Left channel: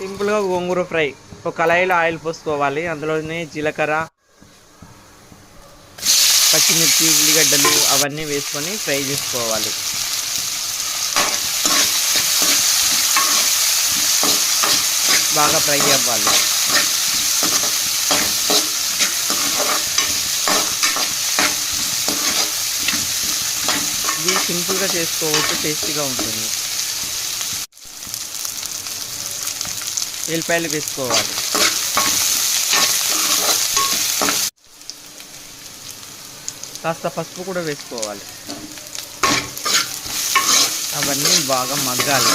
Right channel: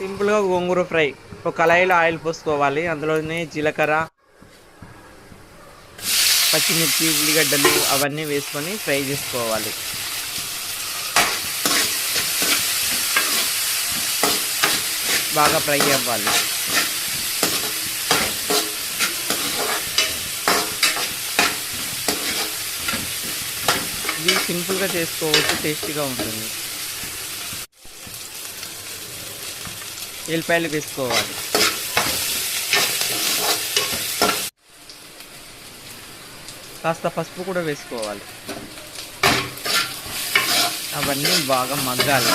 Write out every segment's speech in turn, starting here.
సింపుల్గా గోంగూర ఫ్రై. ఒక కళాయిలో ఆయిల్ పోసుకోవాలి. అందులోనే జీలకర్ర పచ్చిమిర్చి ఉల్లిగడ్డలు అవన్నీ వేసుకొని ఫ్రై చేసుకోవాలి. బాగా ఫ్రై అవ్వాలి. ఇది సింపుల్గా చేసుకోవచ్చు టేస్టీగా ఉంటుంది. ఎల్లిపాయలు వేసుకోవాలి. కాస్త పసుపు కూడా వేసుకోవాలి. అవన్నీ బాగా మగ్గాలి.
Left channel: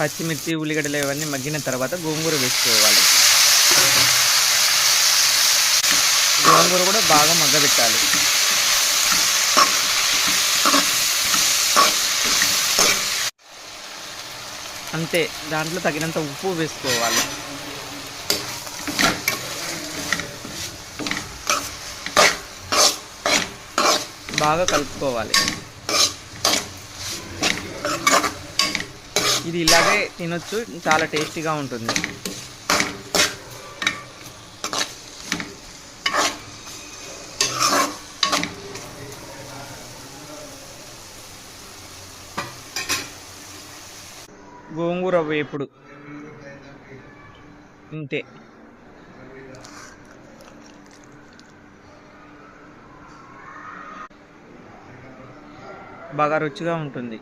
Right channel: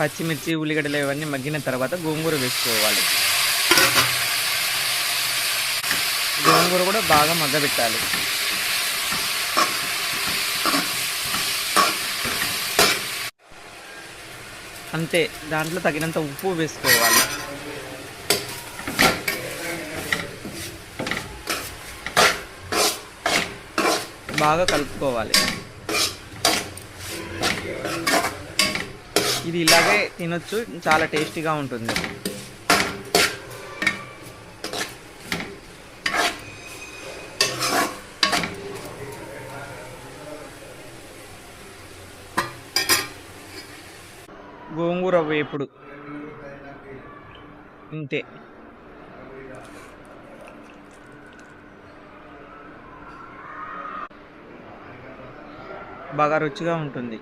పచ్చిమిర్చి ఉల్లిగడ్డలు ఇవన్నీ మగ్గిన తర్వాత గోంగూర వేసుకోవాలి. గోంగూర కూడా బాగా మగ్గబెట్టాలి. అంతే దాంట్లో తగినంత ఉప్పు వేసుకోవాలి. బాగా కలుపుకోవాలి. ఇది ఇలాగే తినొచ్చు చాలా టేస్టీగా ఉంటుంది. గోంగూర వేపుడు ఇంతే. బాగా రుచిగా ఉంటుంది.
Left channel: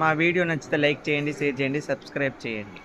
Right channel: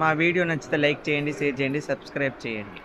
మా వీడియో నచ్చితే లైక్ చేయండి షేర్ చేయండి సబ్స్క్రైబ్ చేయండి.